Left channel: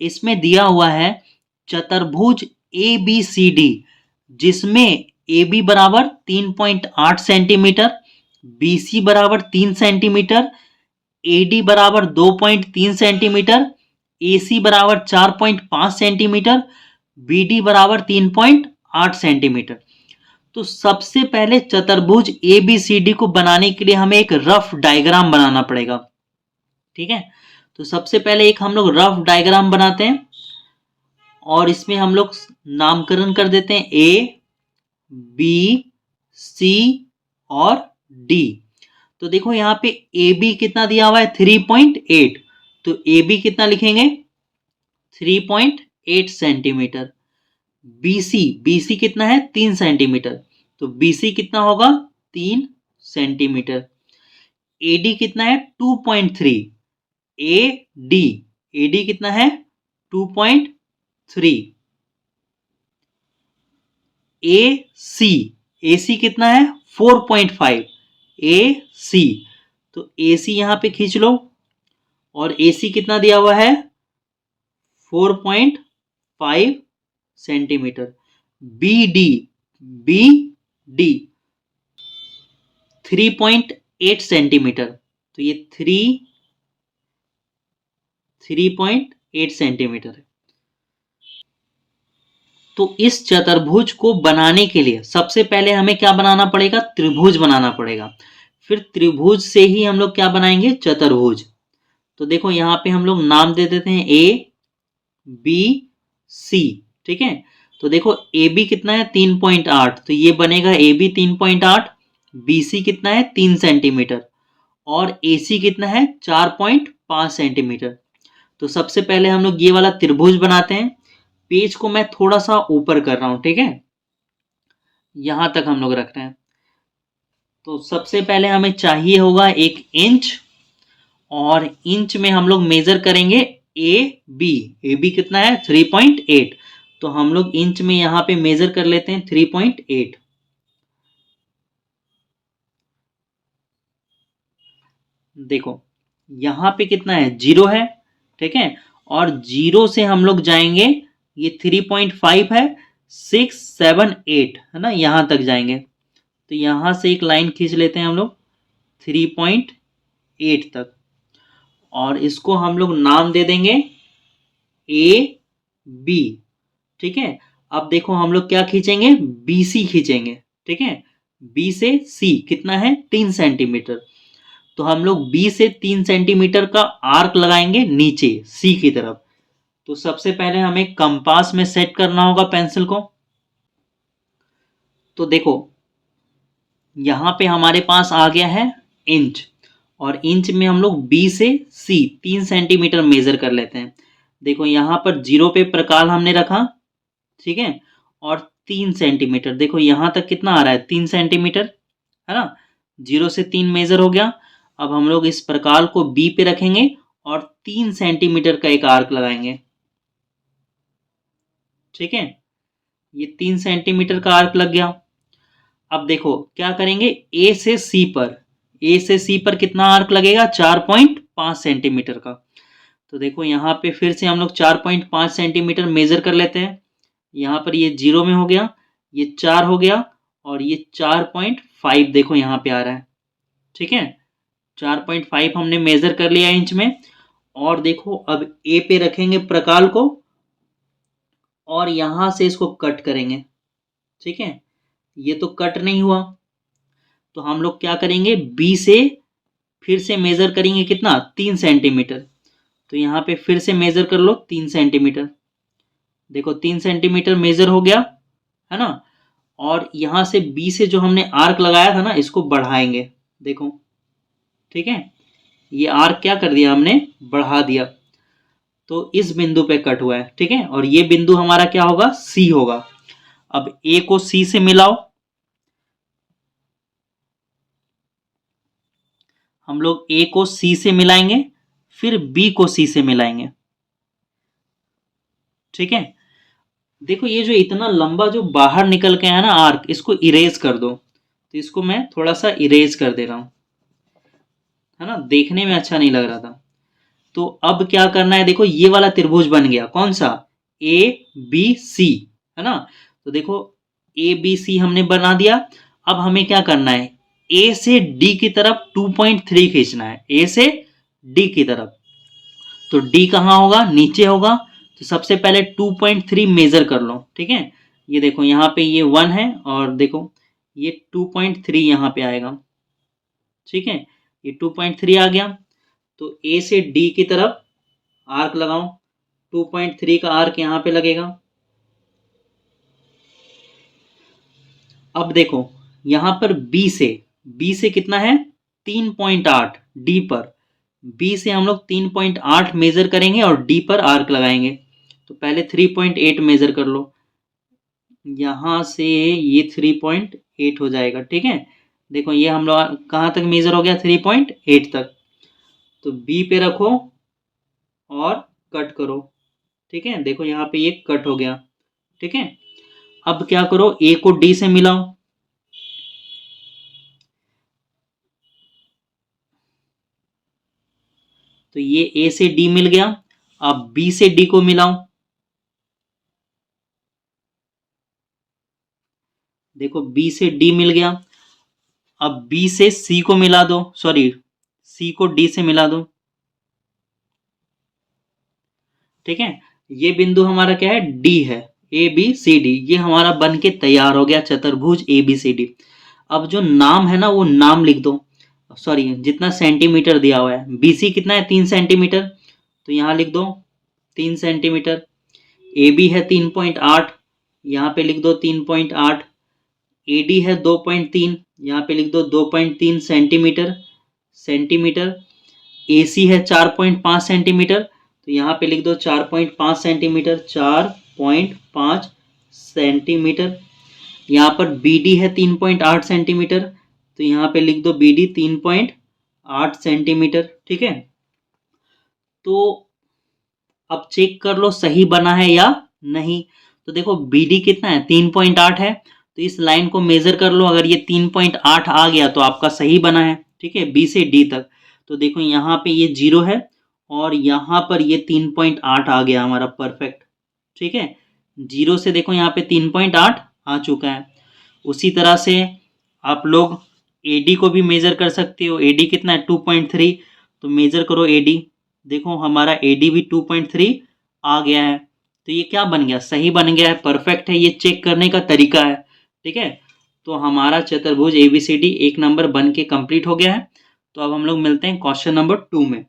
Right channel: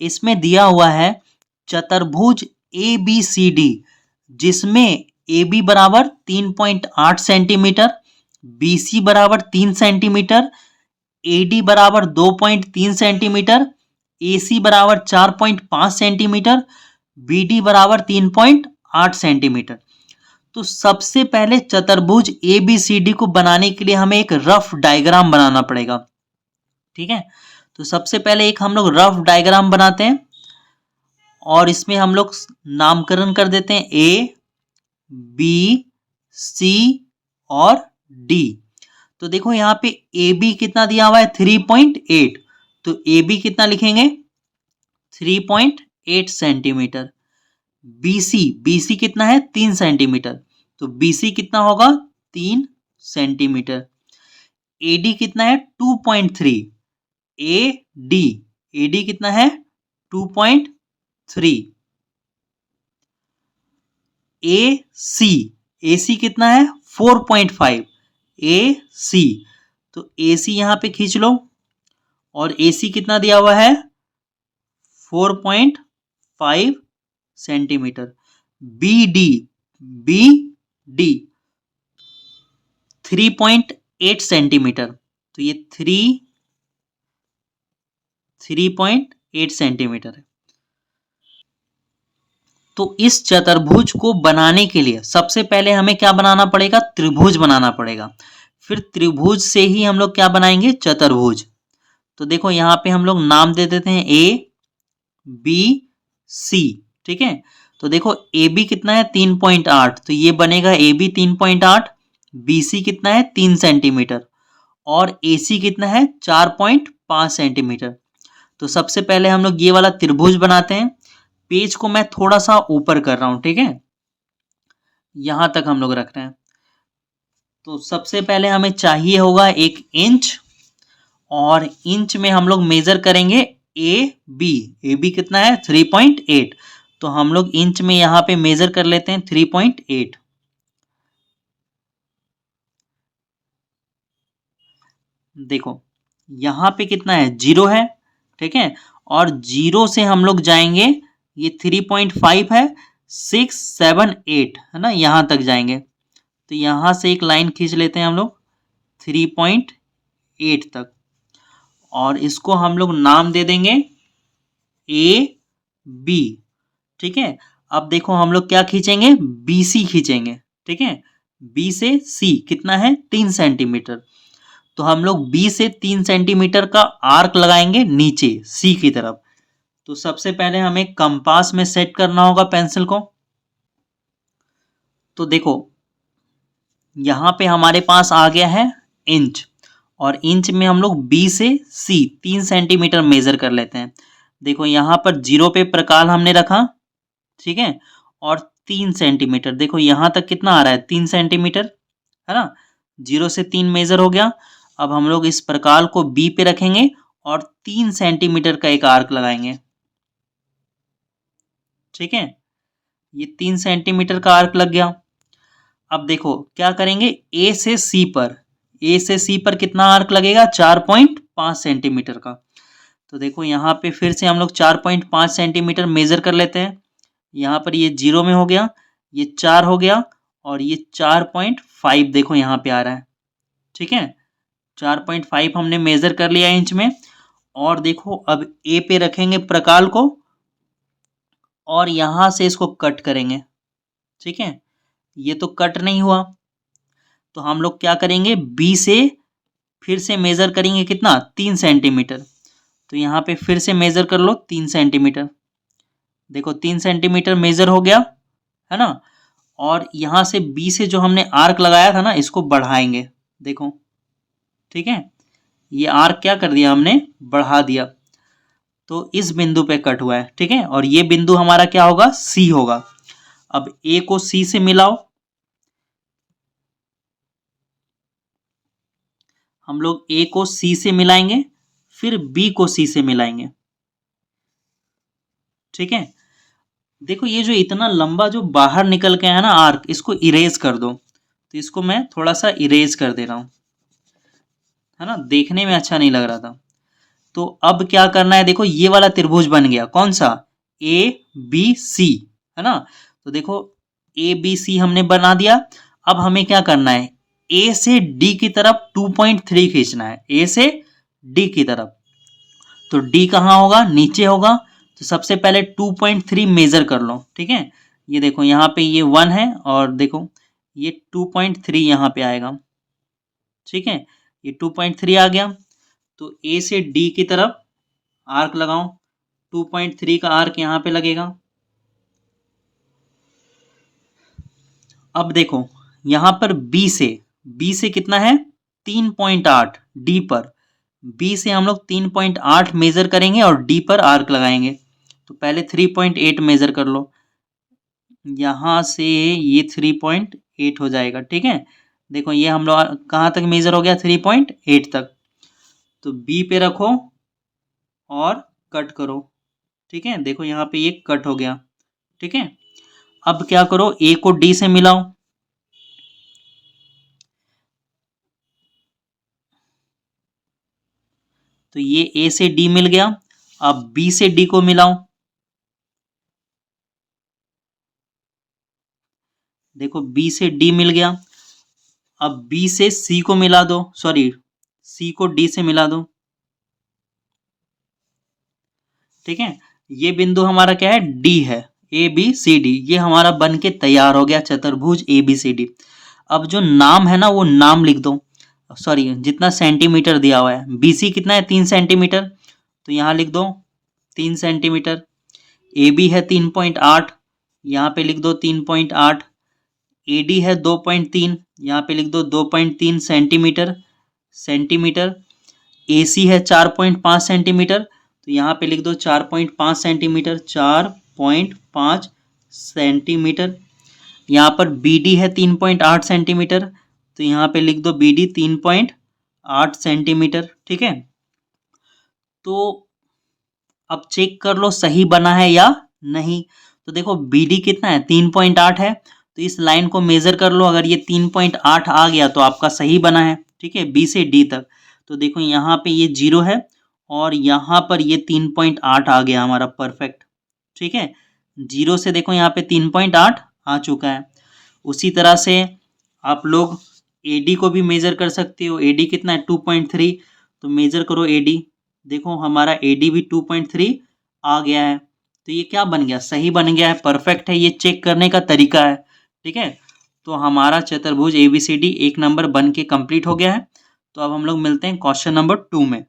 इसमें दिया हुआ है चतुर्भुज ABCD, जिसमें AB बराबर 3.8 सेंटीमीटर, BC बराबर 3 सेंटीमीटर, AD बराबर 2.3 सेंटीमीटर, AC बराबर 4.5 सेंटीमीटर, BD बराबर 3.8 सेंटीमीटर। तो सबसे पहले चतुर्भुज ABCD को बनाने के लिए हमें एक रफ डायग्राम बनाना पड़ेगा। ठीक है, तो सबसे पहले एक हम लोग रफ डायग्राम बनाते हैं और इसमें हम लोग नामकरण कर देते हैं A, B, C और D। तो देखो यहाँ पे AB कितना दिया हुआ है 3.8, तो AB कितना लिखेंगे 3.8 सेंटीमीटर। BC कितना है 3 सेंटीमीटर, तो BC कितना होगा 3 सेंटीमीटर। AD कितना है 2.3, AD कितना है 2.3। AC कितना है 4.5, AC, तो AC यहां पे खींच लो और AC कितना दिया हुआ है 4.5 सेंटीमीटर। BD 3.8 सेंटीमीटर, तो ये 3.8 सेंटीमीटर है। तो इस चतुर्भुज को बनाने के लिए सबसे पहले हमें क्या बनाना पड़ेगा, त्रिभुज बनाना पड़ेगा। फिर त्रिभुज से ही हम लोग क्या बनाएंगे, चतुर्भुज। तो देखो यहाँ पे हम लोग नाम दे देते हैं ABC। ठीक है, तो देखो AB कितना है 3.8, तो ये बनेगा AB 3.8, BC कितना है 3 सेंटीमीटर और AC कितना है 4.5 सेंटीमीटर। तो सबसे पहले हम लोग ये वाला त्रिभुज बनाते हैं। पेज को मैं थोड़ा सा ऊपर कर रहा हूं, ठीक है, यहां तक हम लोग रख रहे हैं। तो सबसे पहले हमें चाहिए होगा 1 इंच, और इंच में हम लोग मेजर करेंगे AB कितना है 3.8, तो हम लोग इंच में यहां पे मेजर कर लेते हैं 3.8। देखो यहां पे कितना है 0 है, ठीक है, और 0 से हम लोग जाएंगे, ये 3.5 है, 6, 7, 8 है ना, यहां तक जाएंगे। तो यहां से एक लाइन खींच लेते हैं हम लोग 3.8 तक, और इसको हम लोग नाम दे देंगे AB। ठीक है, अब देखो हम लोग क्या खींचेंगे, BC खींचेंगे। ठीक है, B से C कितना है 3 सेंटीमीटर, तो हम लोग B से 3 सेंटीमीटर का आर्क लगाएंगे नीचे C की तरफ। तो सबसे पहले हमें कंपास में सेट करना होगा पेंसिल को। तो देखो यहां पे हमारे पास आ गया है इंच, और इंच में हम लोग B से C 3 सेंटीमीटर मेजर कर लेते हैं। देखो यहां पर 0 पे प्रकार हमने रखा, ठीक है, और 3 सेंटीमीटर, देखो यहां तक कितना आ रहा है 3 सेंटीमीटर, है ना, 0 से 3 मेजर हो गया। अब हम लोग इस प्रकार को B पे रखेंगे और 3 सेंटीमीटर का एक आर्क लगाएंगे। ठीक है, ये 3 सेंटीमीटर का आर्क लग गया। अब देखो क्या करेंगे, A से C पर कितना आर्क लगेगा 4.5 सेंटीमीटर का। तो देखो यहाँ पे फिर से हम लोग 4.5 सेंटीमीटर मेजर कर लेते हैं। यहाँ पर ये 0 में हो गया, ये 4 हो गया, और ये 4.5 देखो यहाँ पे आ रहा है। ठीक है, 4.5 हमने मेजर कर लिया इंच में। और देखो अब A पे रखेंगे प्रकाल को, और यहां से इसको कट करेंगे। ठीक है, ये तो कट नहीं हुआ, तो हम लोग क्या करेंगे, B से फिर से मेजर करेंगे कितना 3 सेंटीमीटर। तो यहाँ पे फिर से मेजर कर लो 3 सेंटीमीटर। देखो 3 सेंटीमीटर मेजर हो गया, है ना, और यहां से B से जो हमने आर्क लगाया था ना, इसको बढ़ाएंगे। देखो ठीक है, ये आर्क क्या कर दिया हमने, बढ़ा दिया, तो इस बिंदु पे कट हुआ है। ठीक है, और ये बिंदु हमारा क्या होगा, C होगा। अब A को C से मिलाओ, हम लोग A को C से मिलाएंगे, फिर B को C से मिलाएंगे। ठीक है, देखो ये जो इतना लंबा जो बाहर निकल के है ना आर्क, इसको इरेज कर दो। तो इसको मैं थोड़ा सा इरेज कर दे रहा हूं, है ना, देखने में अच्छा नहीं लग रहा था। तो अब क्या करना है, देखो ये वाला त्रिभुज बन गया, कौन सा, ए बी सी, है ना। तो देखो ए बी सी हमने बना दिया। अब हमें क्या करना है, ए से डी की तरफ 2.3 खींचना है, ए से डी की तरफ। तो डी कहाँ होगा, नीचे होगा। तो सबसे पहले 2.3 मेजर कर लो, ठीक है। ये देखो यहाँ पे ये 1 है, और देखो ये 2.3 यहाँ पे आएगा, ठीक है। ये 2.3 आ गया। तो ए से डी की तरफ आर्क लगाओ, 2.3 का आर्क यहाँ पे लगेगा। अब देखो यहाँ पर बी से कितना है, 3.8 डी पर। बी से हम लोग 3.8 मेजर करेंगे और डी पर आर्क लगाएंगे। तो पहले 3.8 मेजर कर लो, यहाँ से ये 3.8 हो जाएगा, ठीक है। देखो ये हम लोग कहाँ तक मेजर हो गया, 3.8 तक। तो बी पे रखो और कट करो, ठीक है। देखो यहाँ पे ये कट हो गया, ठीक है। अब क्या करो, ए को डी से मिलाओ। तो ये ए से डी मिल गया। अब बी से डी को मिलाओ। देखो बी से डी मिल गया। अब बी से सी को मिला दो, सॉरी सी को डी से मिला दो, ठीक है। ये बिंदु हमारा क्या है, डी है, ए बी सी डी, ये हमारा बन के तैयार हो गया चतुर्भुज ए बी सी डी। अब जो नाम है ना वो नाम लिख दो, सॉरी जितना सेंटीमीटर दिया हुआ है, बी सी कितना है, 3 सेंटीमीटर, तो यहाँ लिख दो 3 सेंटीमीटर। ए बी है 3.8, यहाँ पे लिख दो 3.8। ए डी है 2.3, यहाँ पे लिख दो 2.3 सेंटीमीटर, सेंटीमीटर। ए सी है 4.5 सेंटीमीटर, तो यहाँ पे लिख दो 4.5 सेंटीमीटर, 4.5 सेंटीमीटर। यहाँ पर बी डी है 3.8 सेंटीमीटर, तो यहाँ पे लिख दो बी डी 3.8 सेंटीमीटर, ठीक है। तो अब चेक कर लो सही बना है या नहीं। तो देखो बी डी कितना है, 3.8 है, तो इस लाइन को मेजर कर लो। अगर ये 3.8 आ गया तो आपका सही बना है, ठीक है, बी से डी तक। तो देखो यहाँ पे ये 0 है और यहाँ पर ये 3.8 आ गया हमारा, परफेक्ट, ठीक है। 0 से देखो यहाँ पे 3.8 आ चुका है। उसी तरह से आप लोग ए डी को भी मेजर कर सकते हो। ए डी कितना है, 2.3, तो मेजर करो ए डी। देखो हमारा ए डी भी 2.3 आ गया है। तो ये क्या बन गया, सही बन गया है, परफेक्ट है। ये चेक करने का तरीका है, ठीक है। तो हमारा चतुर्भुज ए बी सी डी 1 नंबर बन के कंप्लीट हो गया है। तो अब हम लोग मिलते हैं क्वेश्चन नंबर 2 में।